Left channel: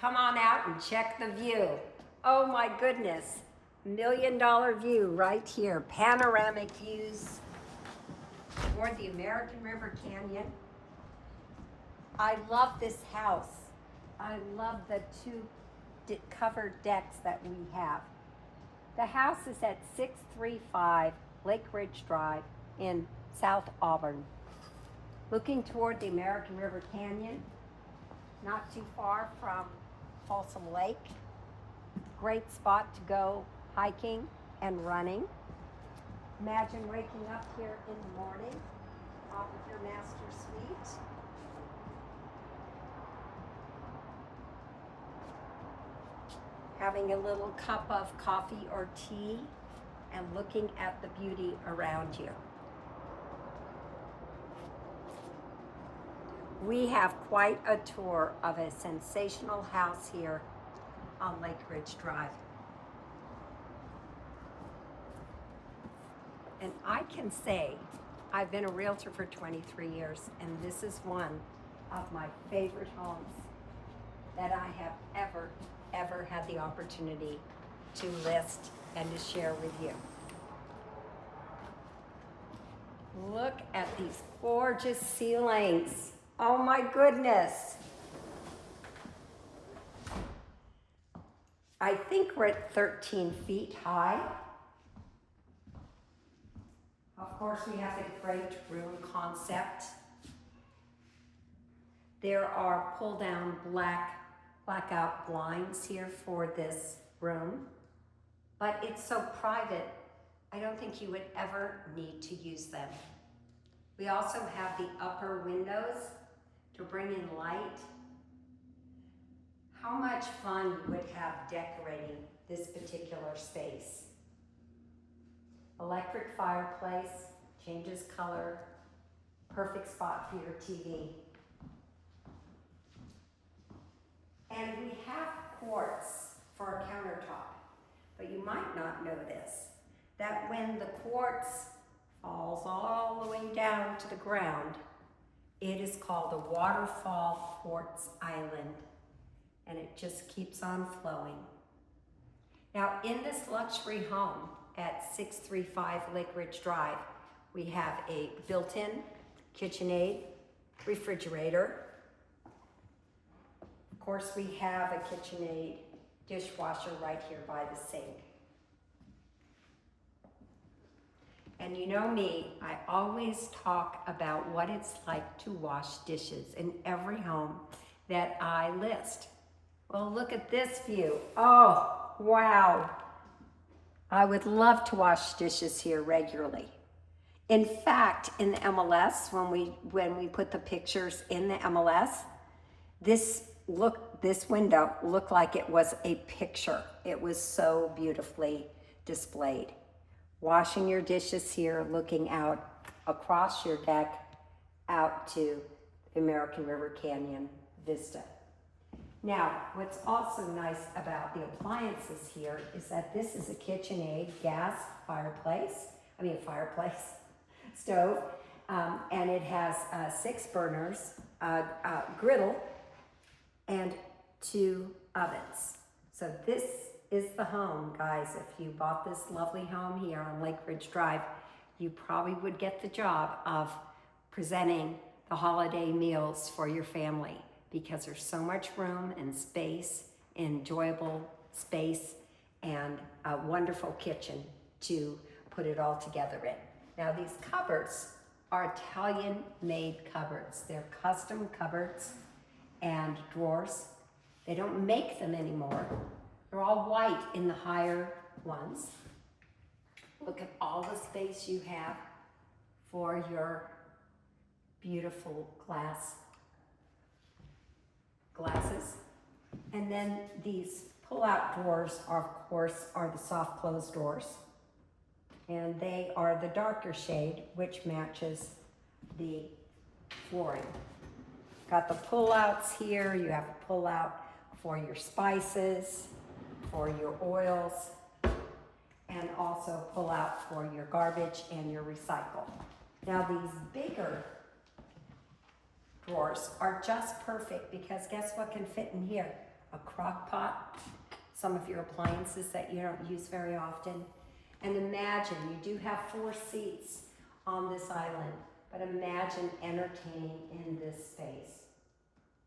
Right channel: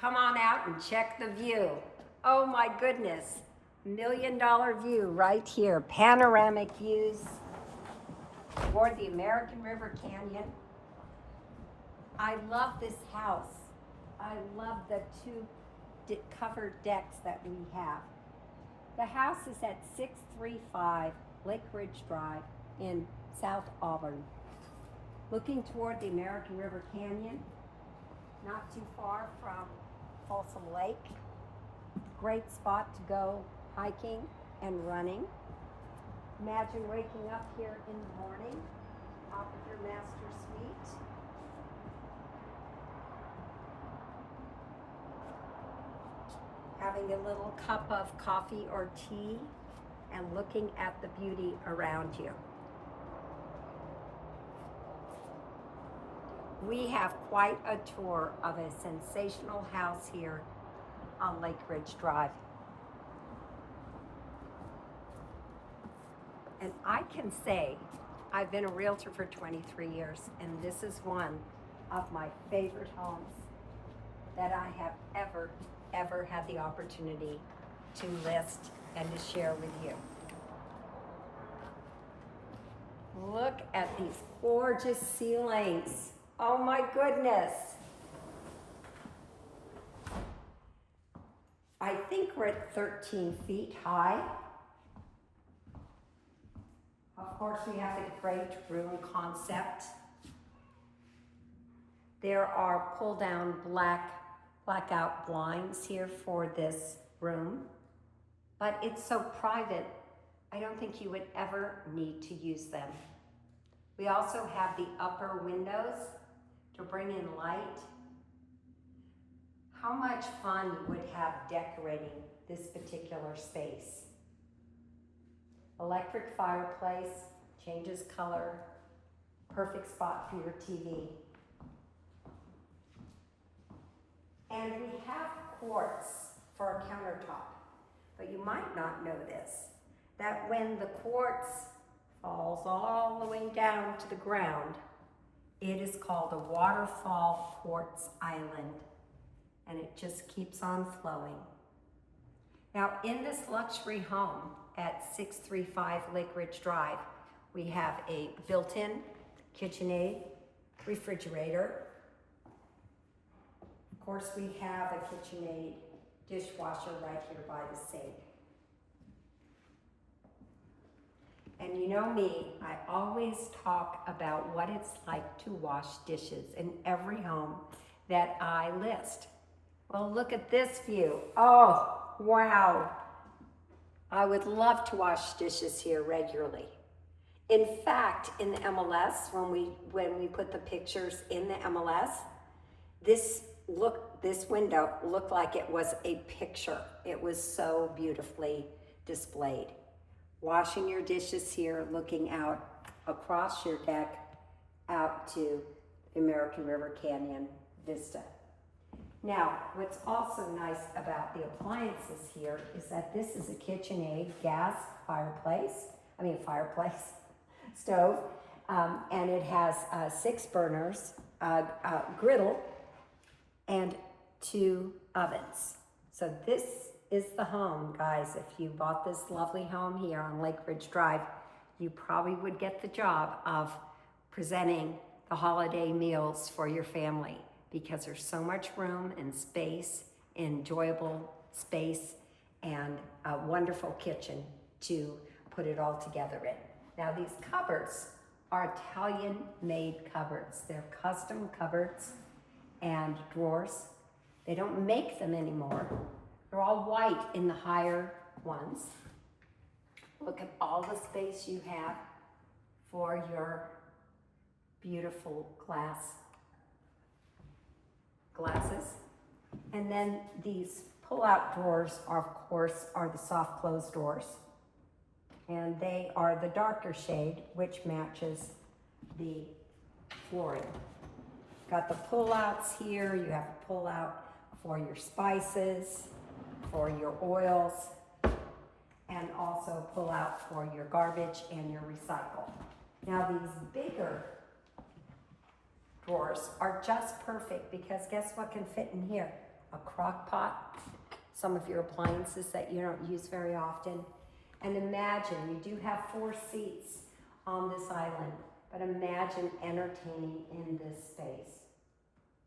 Come on out and check the view. Oh my goodness, $1 million view right here. Panoramic views toward the American River Canyon. I love this house. I love the two covered decks that we have. The house is at 635 Lake Ridge Drive in South Auburn. Looking toward the American River Canyon, not too far from Folsom Lake. Great spot to go hiking and running. Imagine waking up here in the morning, top of your master suite. Having a little cup of coffee or tea and looking at the beauty around you. We have quite a tour of a sensational house here on Lake Ridge Drive. And I can say I've been a realtor for 23 years, and this is one of my favorite homes that I have ever had the opportunity to list and to share with you. Look at these gorgeous ceilings. Oh my goodness. I think we're at 13 feet high. Of course, we have a great room concept. There are pull-down blackout blinds here for this room, but it's so private, I don't think you would ever need to use them. We also have the upper windows to bring in light. How much fun you would have decorating this particular space. Electric fireplace, changes color, perfect spot for your TV. And we have quartz for a countertop, but you might not know this, that when the quartz falls all the way down to the ground, it is called a waterfall quartz island, and it just keeps on flowing. Now, in this luxury home at 635 Lake Ridge Drive, we have a built-in KitchenAid refrigerator. Of course, we have a KitchenAid dishwasher right here by the sink. And you know me, I always talk about what it's like to wash dishes in every home that I list. Well, look at this view. Oh, wow. I would love to wash dishes here regularly. In fact, in the MLS, when we put the pictures in the MLS, this window looked like it was a picture. It was so beautifully displayed. Washing your dishes here, looking out across your deck out to the American River Canyon Vista. Now, what's also nice about the appliances here is that this is a KitchenAid gas stove, and it has 6 burners, griddle, and 2 ovens. So this is the home, guys. If you bought this lovely home here on Lake Ridge Drive, you probably would get the job of presenting the holiday meals for your family, because there's so much room and space, enjoyable space, and a wonderful kitchen to put it all together in. Now, these cupboards are Italian-made cupboards. They're custom cupboards and drawers. They don't make them anymore. They're all white in the higher ones. Look at all the space you have for your beautiful glasses. And then these pull-out drawers are, of course, are the soft close doors. And they are the darker shade, which matches the flooring. Got the pull-outs here. You have a pull-out for your spices, for your oils, and also pull out for your garbage and your recycle. Now, these bigger drawers are just perfect because guess what can fit in here? a crock pot, some of your appliances that you don't use very often. And imagine, you do have 4 seats on this island, but imagine entertaining in this space.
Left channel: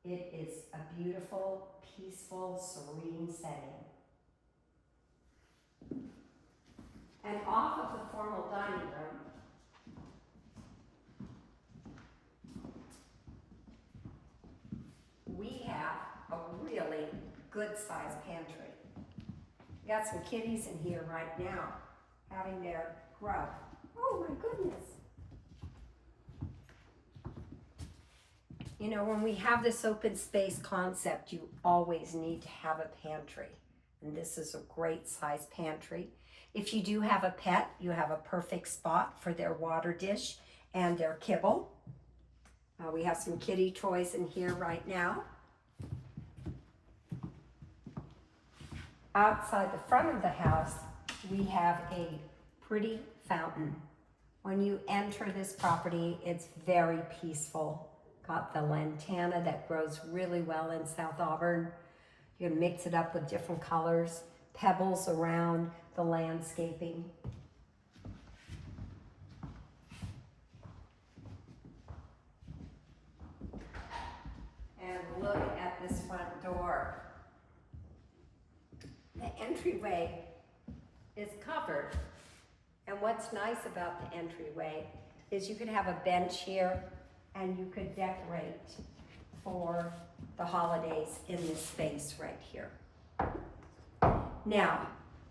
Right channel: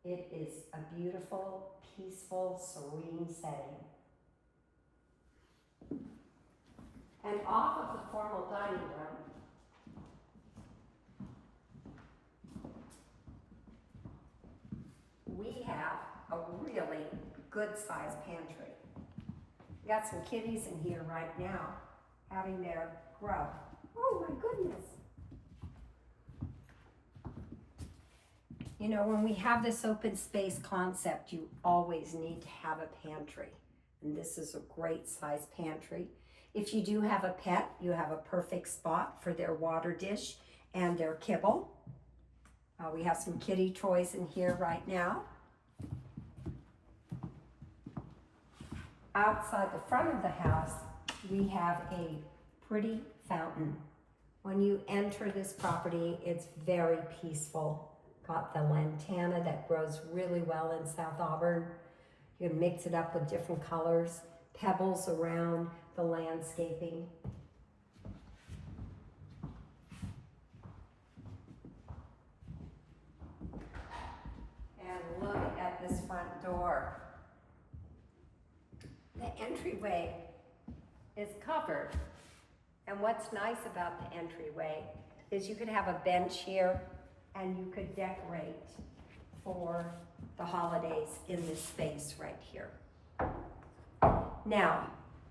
It is a beautiful, peaceful, serene setting. And off of the formal dining room, we have a really good-sized pantry. We got some kitties in here right now, having their grub. Oh my goodness. You know, when we have this open space concept, you always need to have a pantry. And this is a great size pantry. If you do have a pet, you have a perfect spot for their water dish and their kibble. We have some kitty toys in here right now. Outside the front of the house, we have a pretty fountain. When you enter this property, it's very peaceful. Got the lantana that grows really well in South Auburn. You can mix it up with different colors, pebbles around the landscaping. And look at this front door. The entryway is covered. And what's nice about the entryway is you could have a bench here and you could decorate for the holidays in this space right here. Now,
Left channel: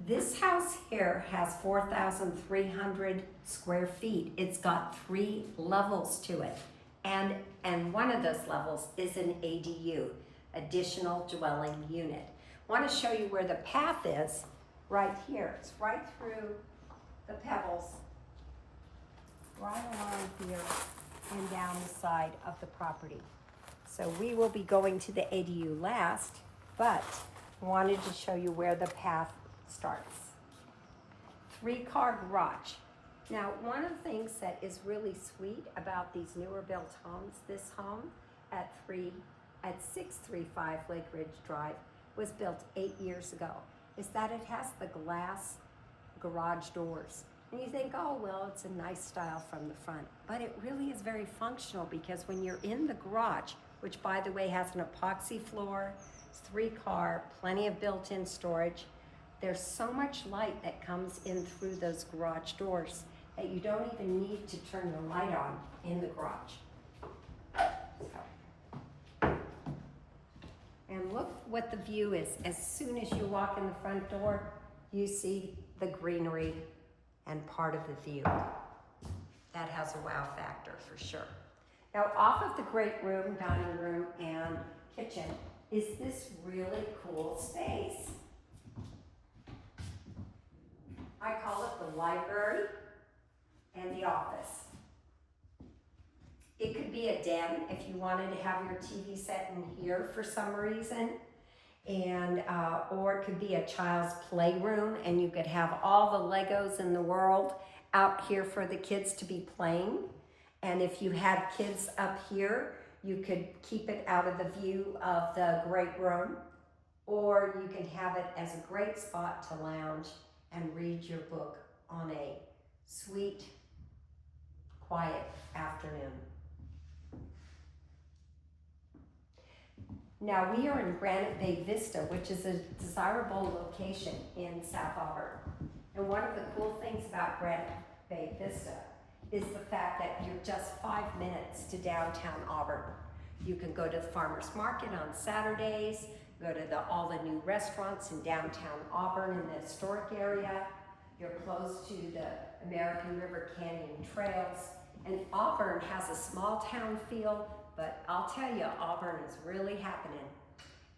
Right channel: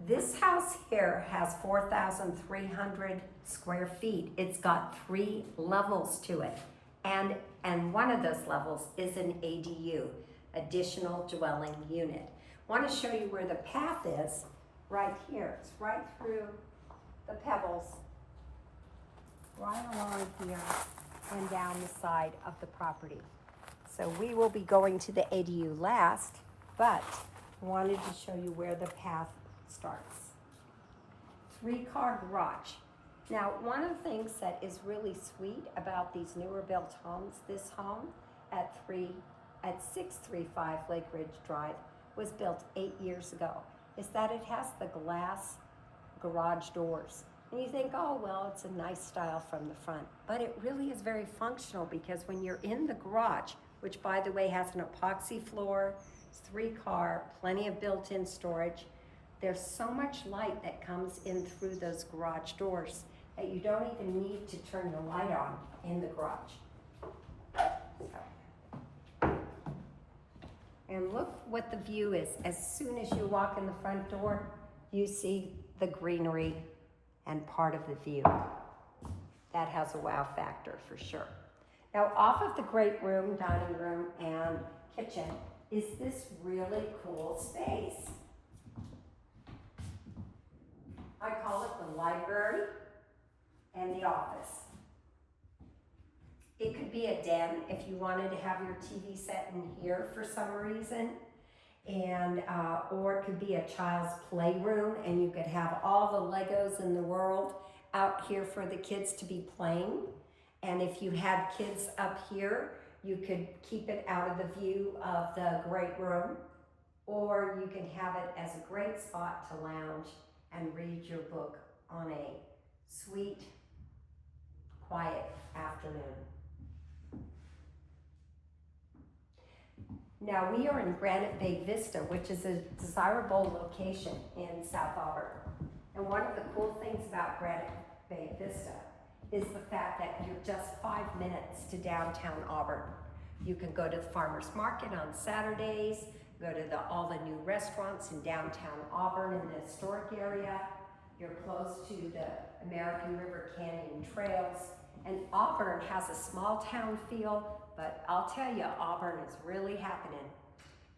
this house here has 4,300 square feet. It's got 3 levels to it. And one of those levels is an ADU, additional dwelling unit. I want to show you where the path is right here. It's right through the pebbles, right along here and down the side of the property. So we will be going to the ADU last, but I wanted to show you where the path starts. 3-car garage. Now, one of the things that is really sweet about these newer built homes, this home at 635 Lake Ridge Drive was built 8 years ago, is that it has the glass garage doors. And you think, oh, well, it's a nice style from the front. But it really is very functional because when you're in the garage, which by the way has an epoxy floor, it's 3-car, plenty of built-in storage, there's so much light that comes in through those garage doors that you don't even need to turn the light on in the garage. So. And look what the view is. As soon as you walk in the front door, you see the greenery and part of the view. That has a wow factor for sure. Now, off of the great room, dining room, and kitchen is this really cool space. I call it the library and the office. It could be a den if you wanted to have your TV set in here for some reason, and or it could be a child's playroom, and you could have all the Legos in the world out here for the kids to be playing. And if you had kids up here, you could keep it out of the view of the great room, or you can have it as a great spot to lounge and read your book on a sweet, quiet afternoon. Now, we are in Granite Bay Vista, which is a desirable location in South Auburn. And one of the cool things about Granite Bay Vista is the fact that you're just 5 minutes to downtown Auburn. You can go to the farmer's market on Saturdays, go to all the new restaurants in downtown Auburn in the historic area. You're close to the American River Canyon trails. And Auburn has a small town feel, but I'll tell you, Auburn is really happening.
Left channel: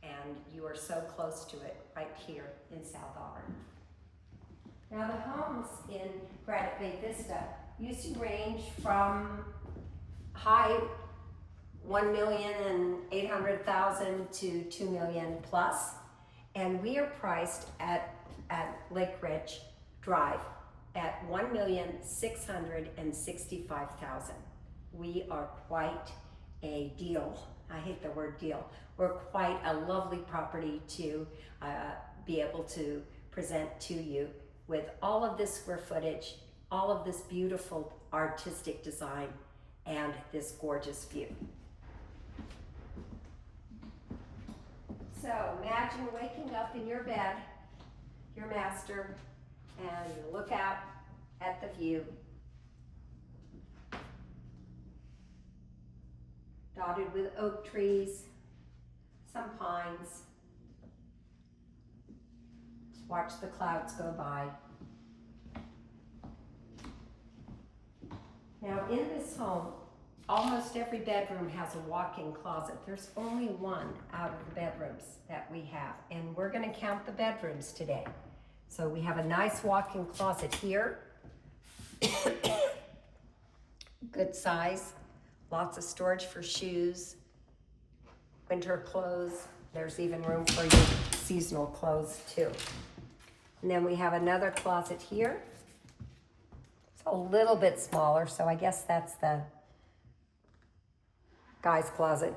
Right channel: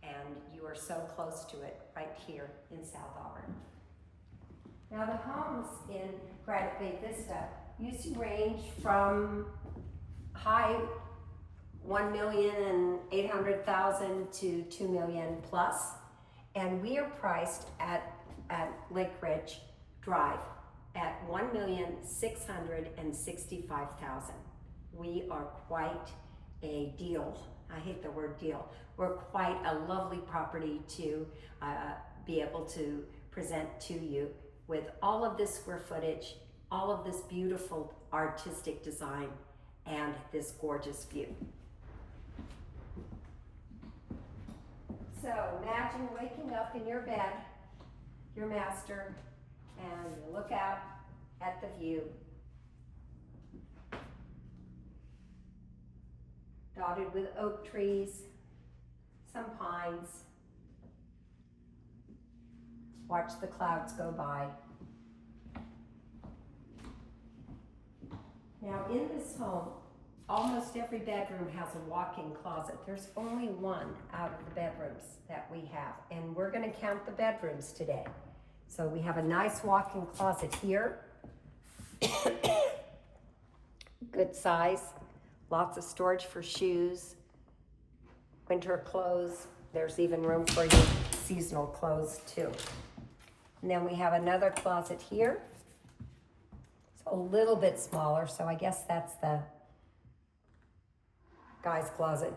And you are so close to it right here in South Auburn. Now, the homes in Granite Bay Vista used to range from high 1,800,000 to 2 million plus, and we are priced at Lake Ridge Drive at 1,665,000. We are quite a deal. I hate the word deal. we're quite a lovely property to be able to present to you with all of this square footage, all of this beautiful artistic design, and this gorgeous view. So imagine waking up in your bed, your master, and you look out at the view, dotted with oak trees, some pines. Watch the clouds go by. Now in this home, almost every bedroom has a walk-in closet. There's only one out of the bedrooms that we have, and we're gonna count the bedrooms today. So we have a nice walk-in closet here. Good size, lots of storage for shoes, winter clothes. There's even room for your seasonal clothes too. And then we have another closet here. It's a little bit smaller, so I guess that's the guy's closet.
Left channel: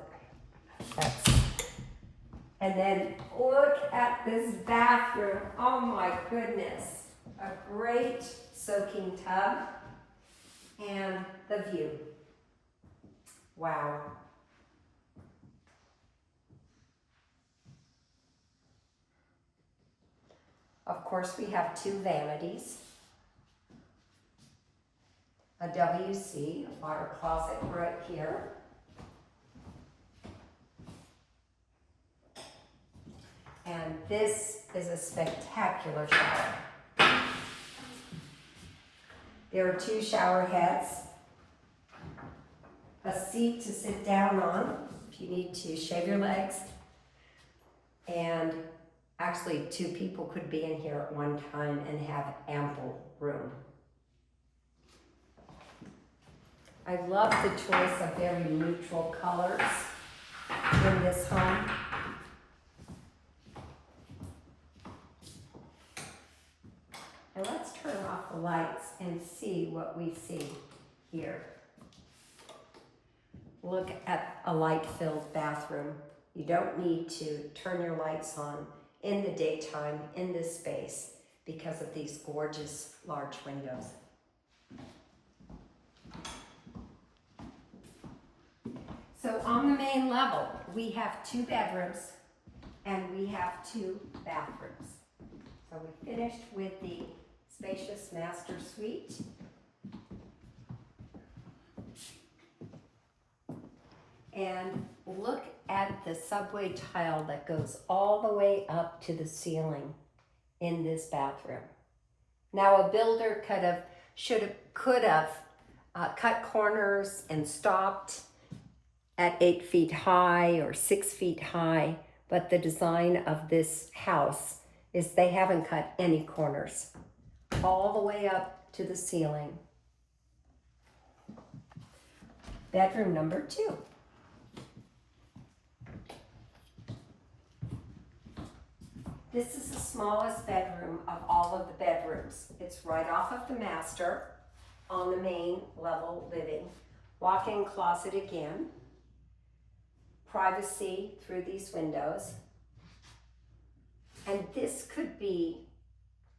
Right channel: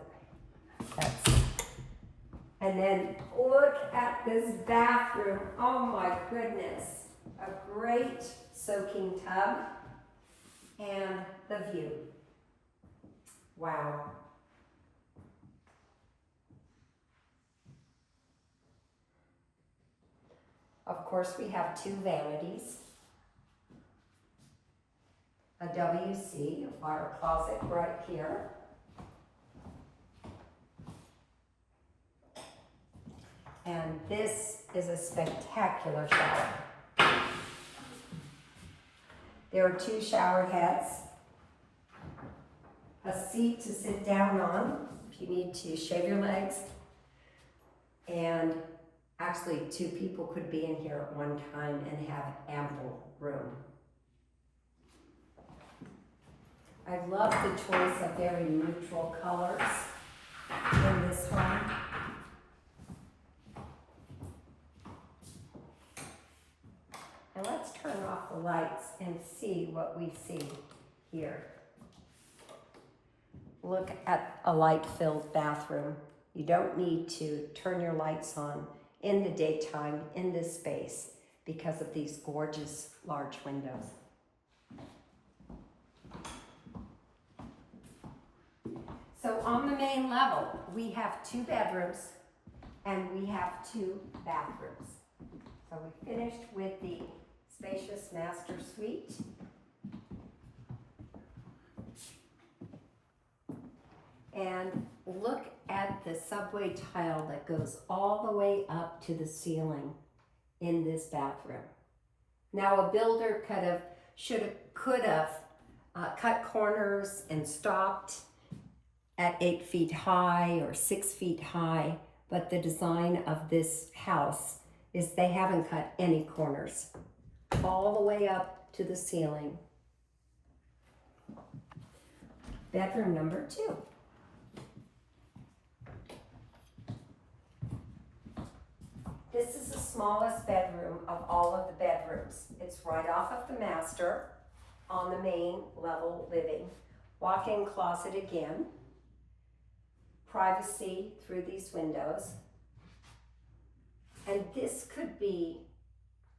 And then look at this bathroom. Oh my goodness. A great soaking tub and the view. Wow. Of course, we have two vanities, a WC, a water closet right here. And this is a spectacular shower. There are two shower heads, a seat to sit down on if you need to shave your legs, and actually, two people could be in here at one time and have ample room. I love the choice of very neutral colors in this home. And let's turn off the lights and see what we see here. Look at a light-filled bathroom. You don't need to turn your lights on in the daytime in this space because of these gorgeous large windows. So on the main level, we have two bedrooms and we have two bathrooms. So we finished with the spacious master suite. And look at the subway tile that goes all the way up to the ceiling in this bathroom. Now a builder could have cut corners and stopped at 8 feet high or 6 feet high, but the design of this house is they haven't cut any corners, all the way up to the ceiling. Bedroom number 2. This is the smallest bedroom of all of the bedrooms. It's right off of the master on the main level living. Walk-in closet again. Privacy through these windows. And this could be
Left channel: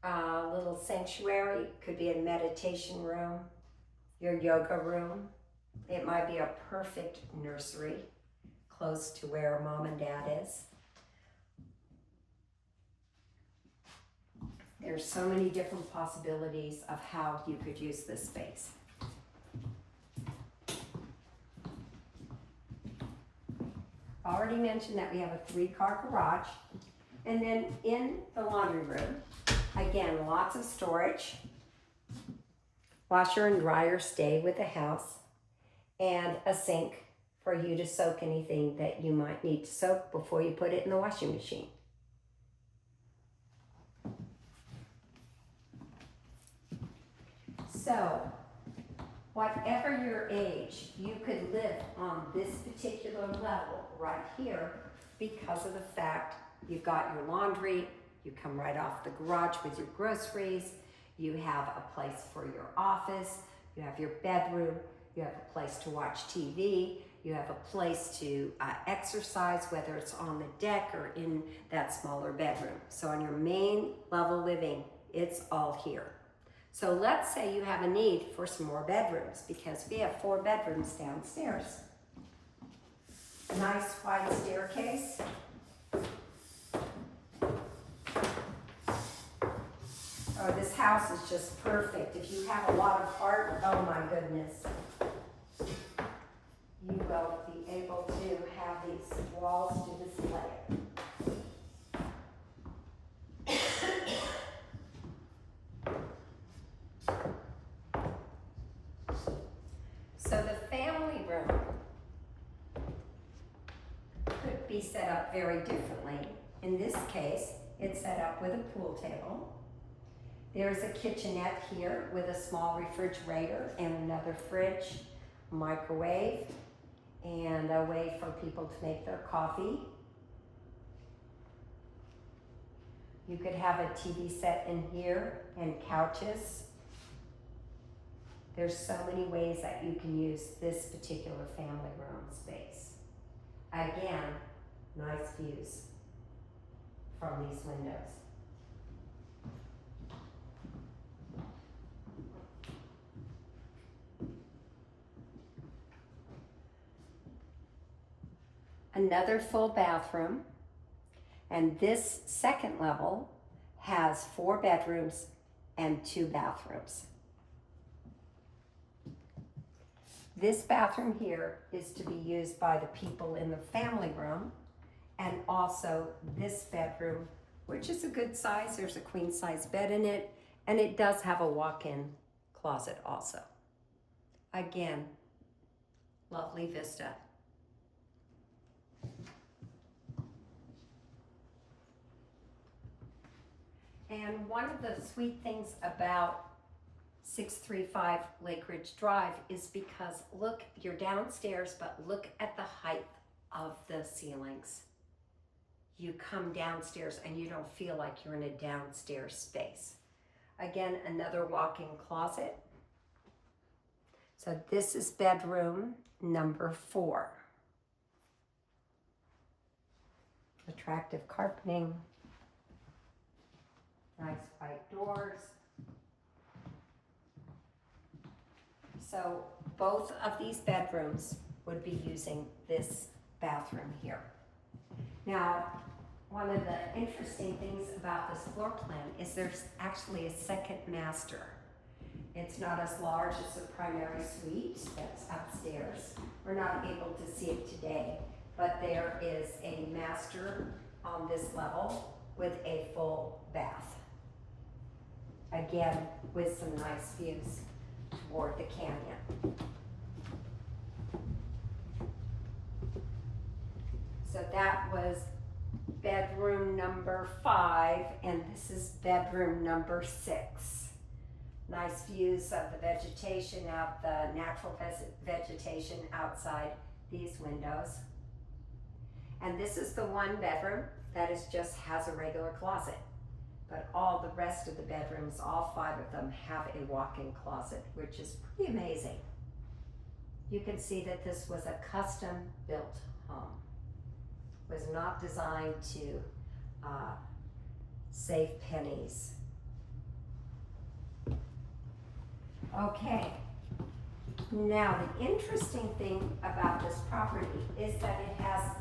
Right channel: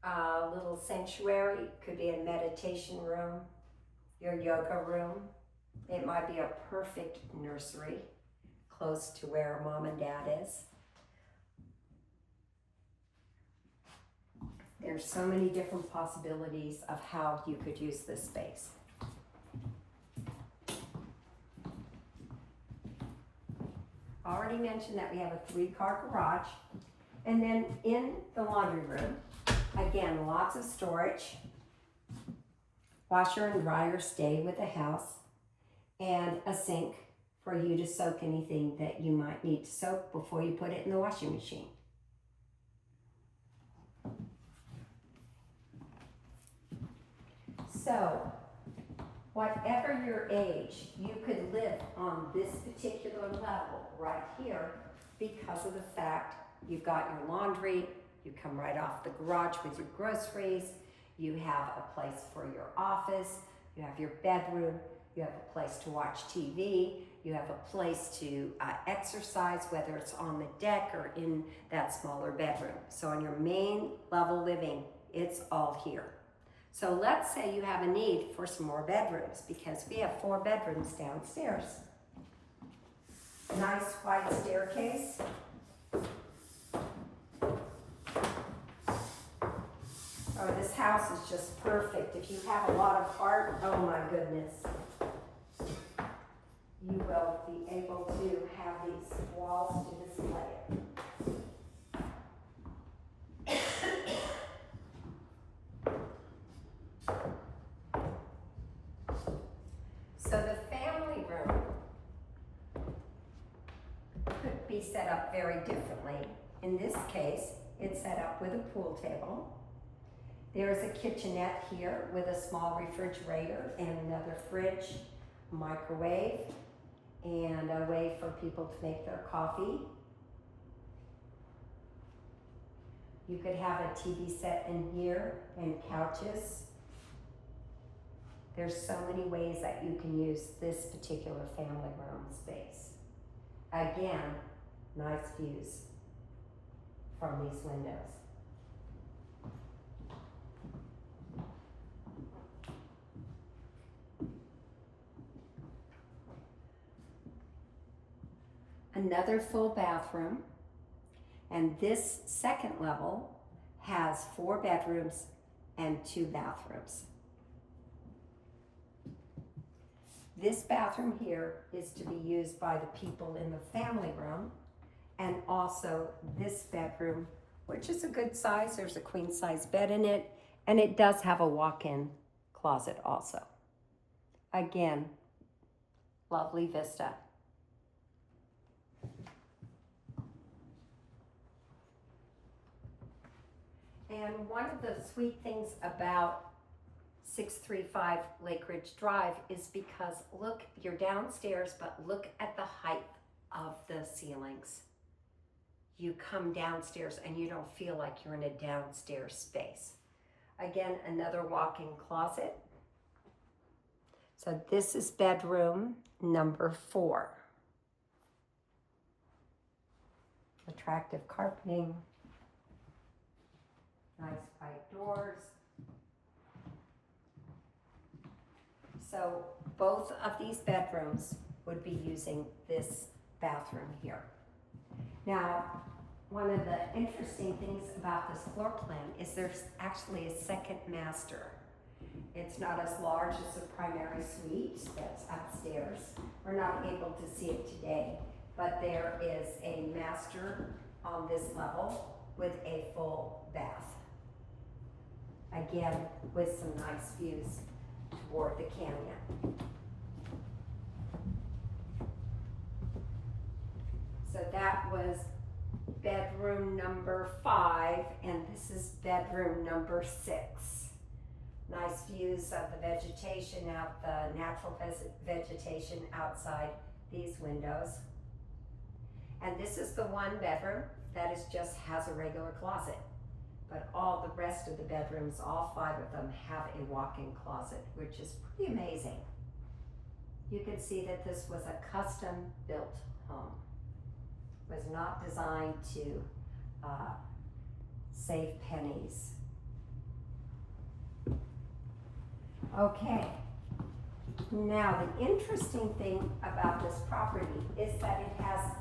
a little sanctuary, could be a meditation room, your yoga room. It might be a perfect nursery close to where mom and dad is. There's so many different possibilities of how you could use this space. Already mentioned that we have a 3-car garage. And then in the laundry room, again, lots of storage. Washer and dryer stay with the house. And a sink for you to soak anything that you might need to soak before you put it in the washing machine. So, whatever your age, you could live on this particular level right here because of the fact you've got your laundry, you come right off the garage with your groceries, you have a place for your office, you have your bedroom, you have a place to watch TV, You have a place to exercise, whether it's on the deck or in that smaller bedroom. So on your main level living, it's all here. So let's say you have a need for some more bedrooms, because we have 4 bedrooms downstairs. Nice wide staircase. Oh, this house is just perfect. If you have a lot of heart, oh my goodness. You will be able to have these walls to display it. So the family room could be set up very differently. In this case, it's set up with a pool table. There is a kitchenette here with a small refrigerator and another fridge, microwave, and a way for people to make their coffee. You could have a TV set in here and couches. There's so many ways that you can use this particular family room space. Again, nice views from these windows. Another full bathroom, and this second level has 4 bedrooms and 2 bathrooms. This bathroom here is to be used by the people in the family room, and also this bedroom, which is a good size. There's a queen size bed in it, and it does have a walk-in closet also. Again, lovely vista. And one of the sweet things about 635 Lake Ridge Drive is because look, you're downstairs, but look at the height of the ceilings. You come downstairs and you don't feel like you're in a downstairs space. Again, another walk-in closet. So this is bedroom number 4. Attractive carpeting. Nice white doors. So both of these bedrooms would be using this bathroom here. Now, one of the interesting things about this floor plan is there's actually a second master. It's not as large as the primary suite that's upstairs. We're not able to see it today, but there is a master on this level with a full bath. Again, with some nice views toward the canyon. So that was bedroom number 5, and this is bedroom number 6. Nice views of the vegetation out, the natural vegetation outside these windows. And this is the 1 bedroom that just has a regular closet. But all the rest of the bedrooms, all 5 of them, have a walk-in closet, which is pretty amazing. You can see that this was a custom-built home. It was not designed to save pennies. Okay, now the interesting thing about this property is that it has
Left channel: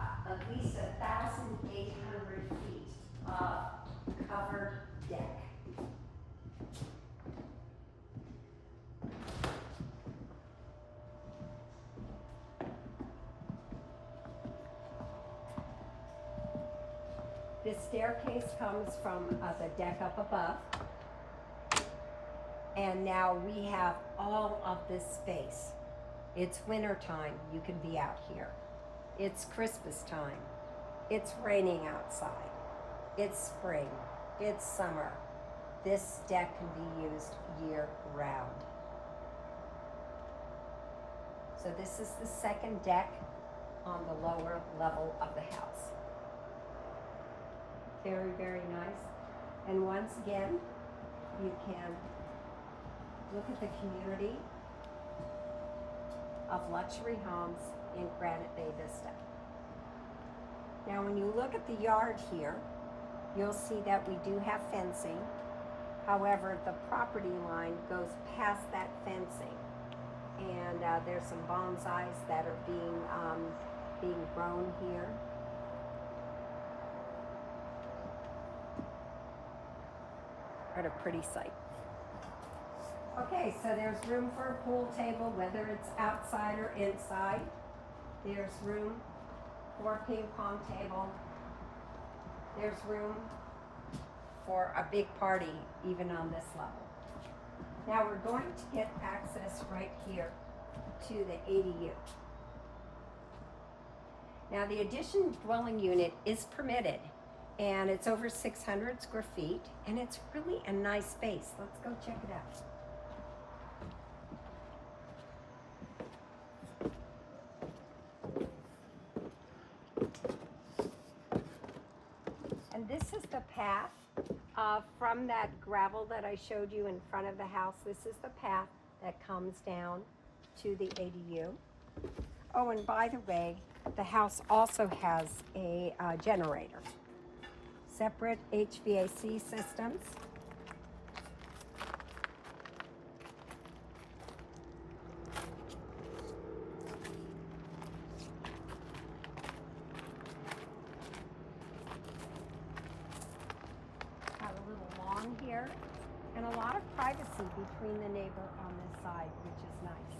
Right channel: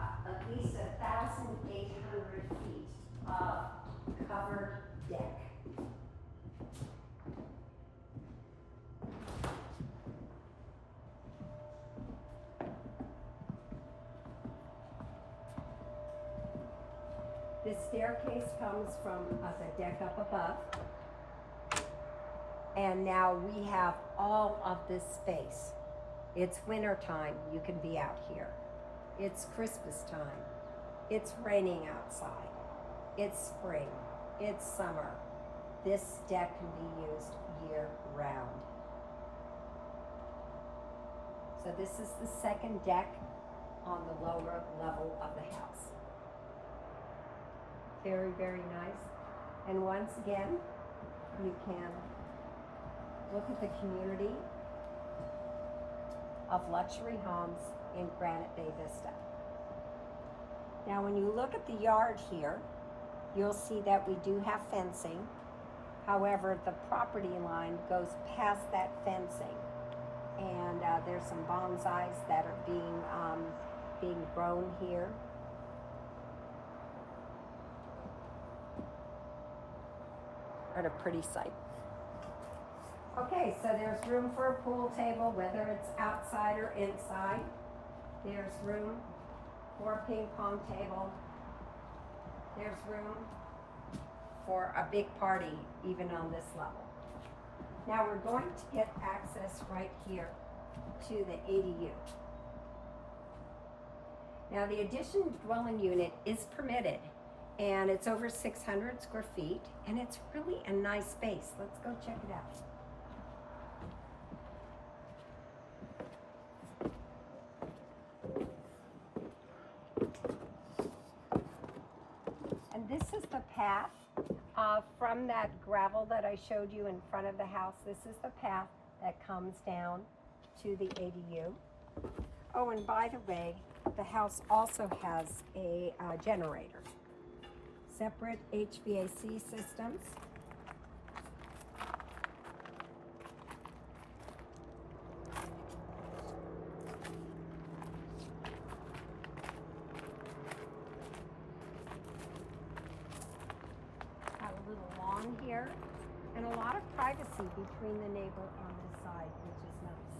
at least 1,800 feet of covered deck. This staircase comes from the deck up above. And now we have all of this space. It's winter time, you can be out here. It's Christmas time. It's raining outside. It's spring. It's summer. This deck can be used year round. So this is the second deck on the lower level of the house. Very, very nice. And once again, you can look at the community of luxury homes in Granite Bay Vista. Now when you look at the yard here, you'll see that we do have fencing. However, the property line goes past that fencing, and there's some bonsais that are being grown here. What a pretty sight. Okay, so there's room for a pool table, whether it's outside or inside. There's room for a ping pong table. There's room for a big party, even on this level. Now we're going to get access right here to the ADU. Now the addition dwelling unit is permitted, and it's over 600 square feet, and it's really a nice space. Let's go check it out. And this is the path from that gravel that I showed you in front of the house. This is the path that comes down to the ADU. Oh, and by the way, the house also has a generator. Separate HVAC systems. Got a little lawn here, and a lot of privacy between the neighbor on this side, which is nice.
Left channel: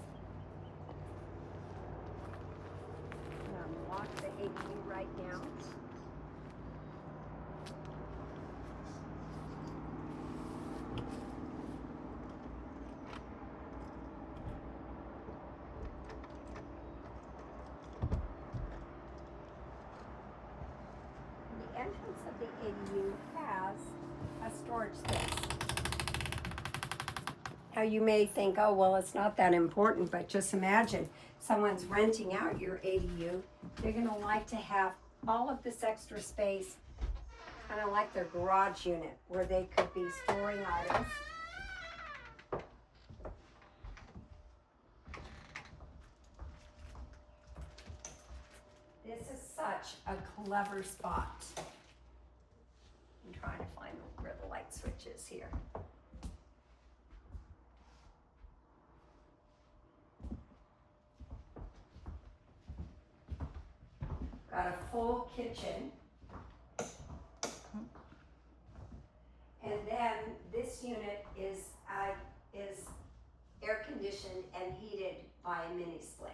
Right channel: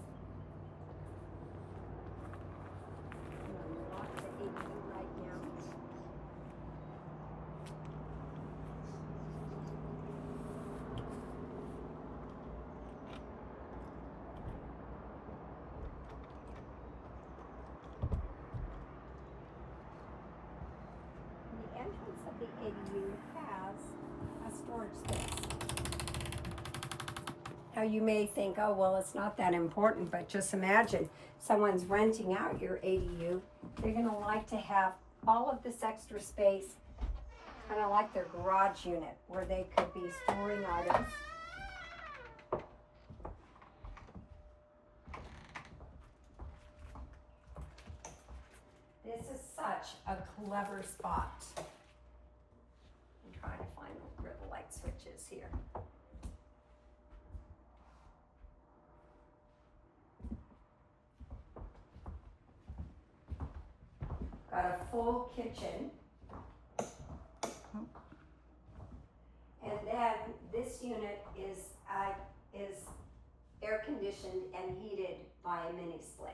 I'm going to walk the ADU right now. The entrance of the ADU has a storage space. Now you may think, oh, well, it's not that important, but just imagine someone's renting out your ADU. They're gonna like to have all of this extra space, kind of like their garage unit, where they could be storing items. This is such a clever spot. I'm trying to find where the light switch is here. Got a full kitchen. And then this unit is air conditioned and heated by a mini split.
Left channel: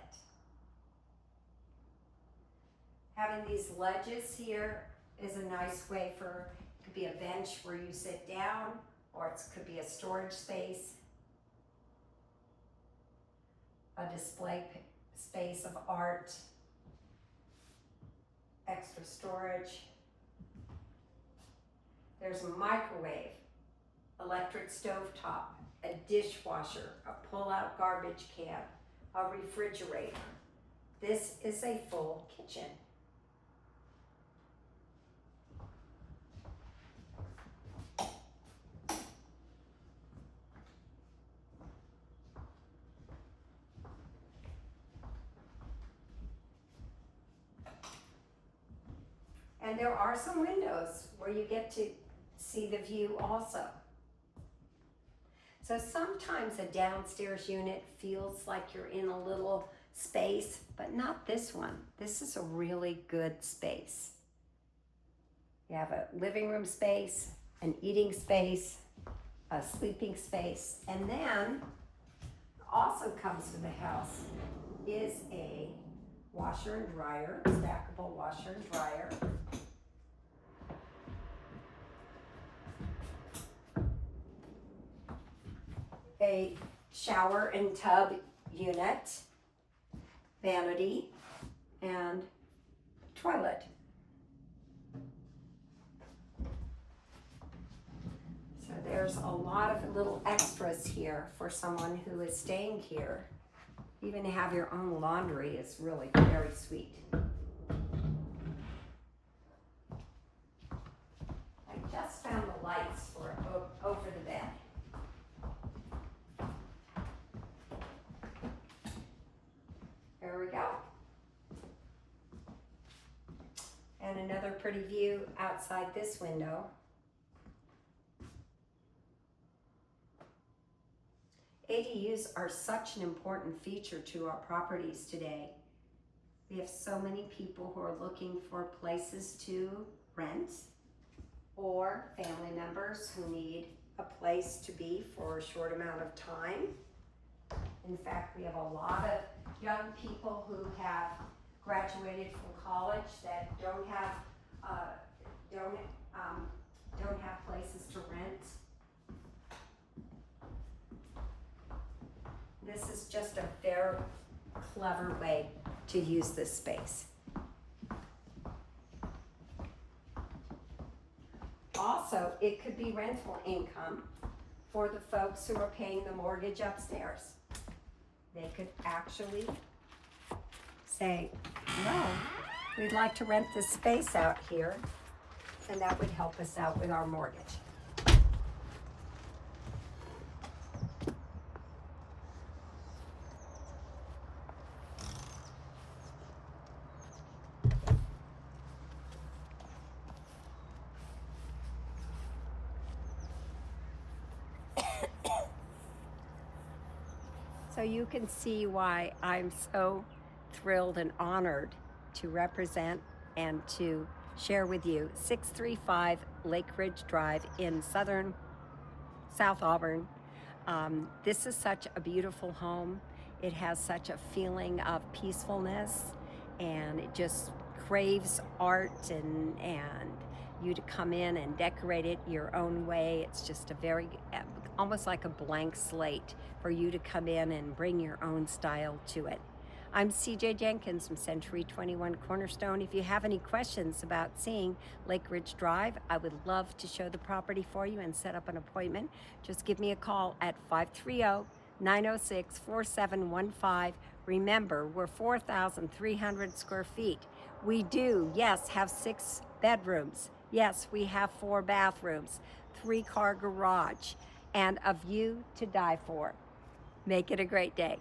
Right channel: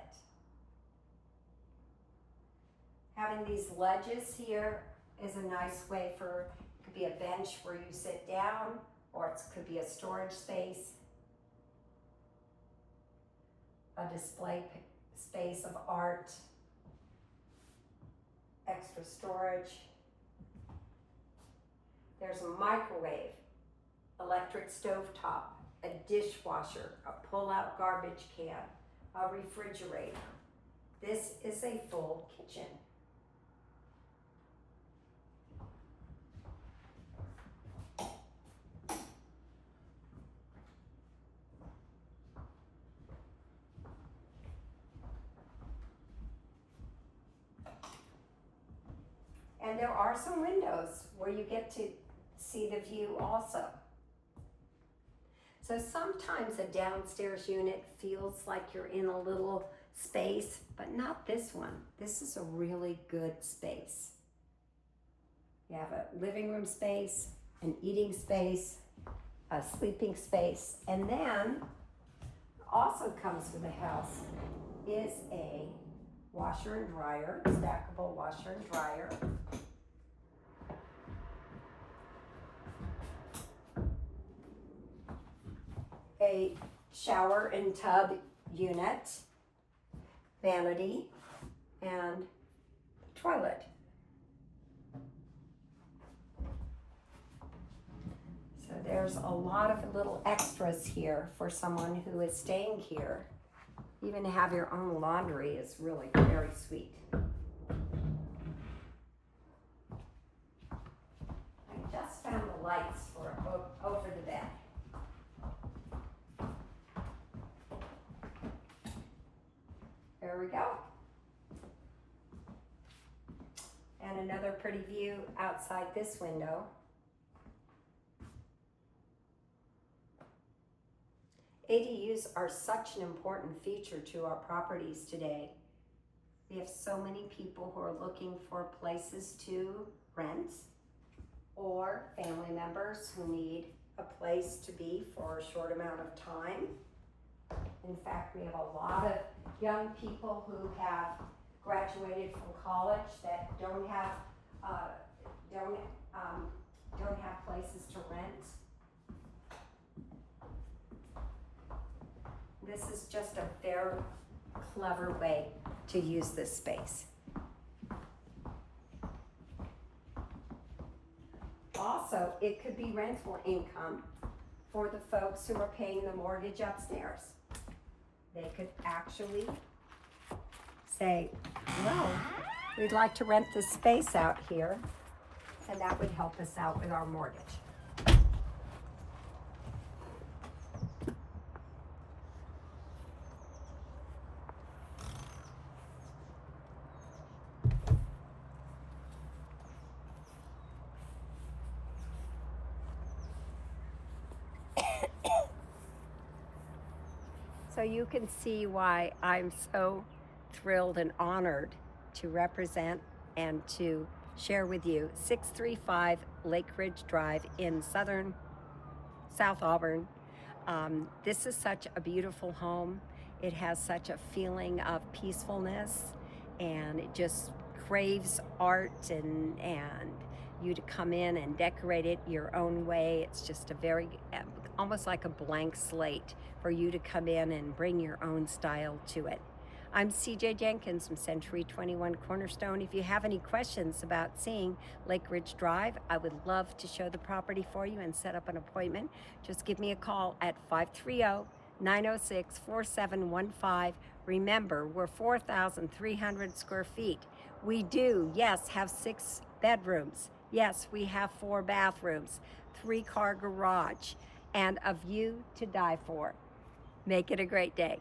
Having these ledges here is a nice way for, it could be a bench where you sit down, or it could be a storage space, a display space of art, extra storage. There's a microwave, electric stovetop, a dishwasher, a pull-out garbage can, a refrigerator. This is a full kitchen. And there are some windows where you get to see the view also. So sometimes a downstairs unit feels like you're in a little space, but not this one. This is a really good space. You have a living room space, an eating space, a sleeping space, and then also comes with the house is a washer and dryer, stackable washer and dryer. A shower and tub unit, vanity, and toilet. So there's a lot of little extras here for someone who is staying here. Even to have your own laundry is really very sweet. I just found the lights for over the bed. another pretty view outside this window. ADUs are such an important feature to our properties today. We have so many people who are looking for places to rent, or family members who need a place to be for a short amount of time. In fact, we have a lot of young people who have graduated from college that don't have places to rent. This is just a very clever way to use this space. Also, it could be rental income for the folks who are paying the mortgage upstairs. They could actually say, well, we'd like to rent this space out here, and that would help us out with our mortgage. So you can see why I'm so thrilled and honored to represent and to share with you 635 Lake Ridge Drive in South Auburn. This is such a beautiful home. It has such a feeling of peacefulness, and it just craves art and you to come in and decorate it your own way. It's just a very, almost like a blank slate for you to come in and bring your own style to it. I'm CJ Jenkins from Century 21 Cornerstone. If you have any questions about seeing Lake Ridge Drive, I would love to show the property for you and set up an appointment. Just give me a call at 530-906-4715. Remember, we're 4,300 square feet. We do, yes, have 6 bedrooms. Yes, we have 4 bathrooms, 3-car garage, and a view to die for. Make it a great day.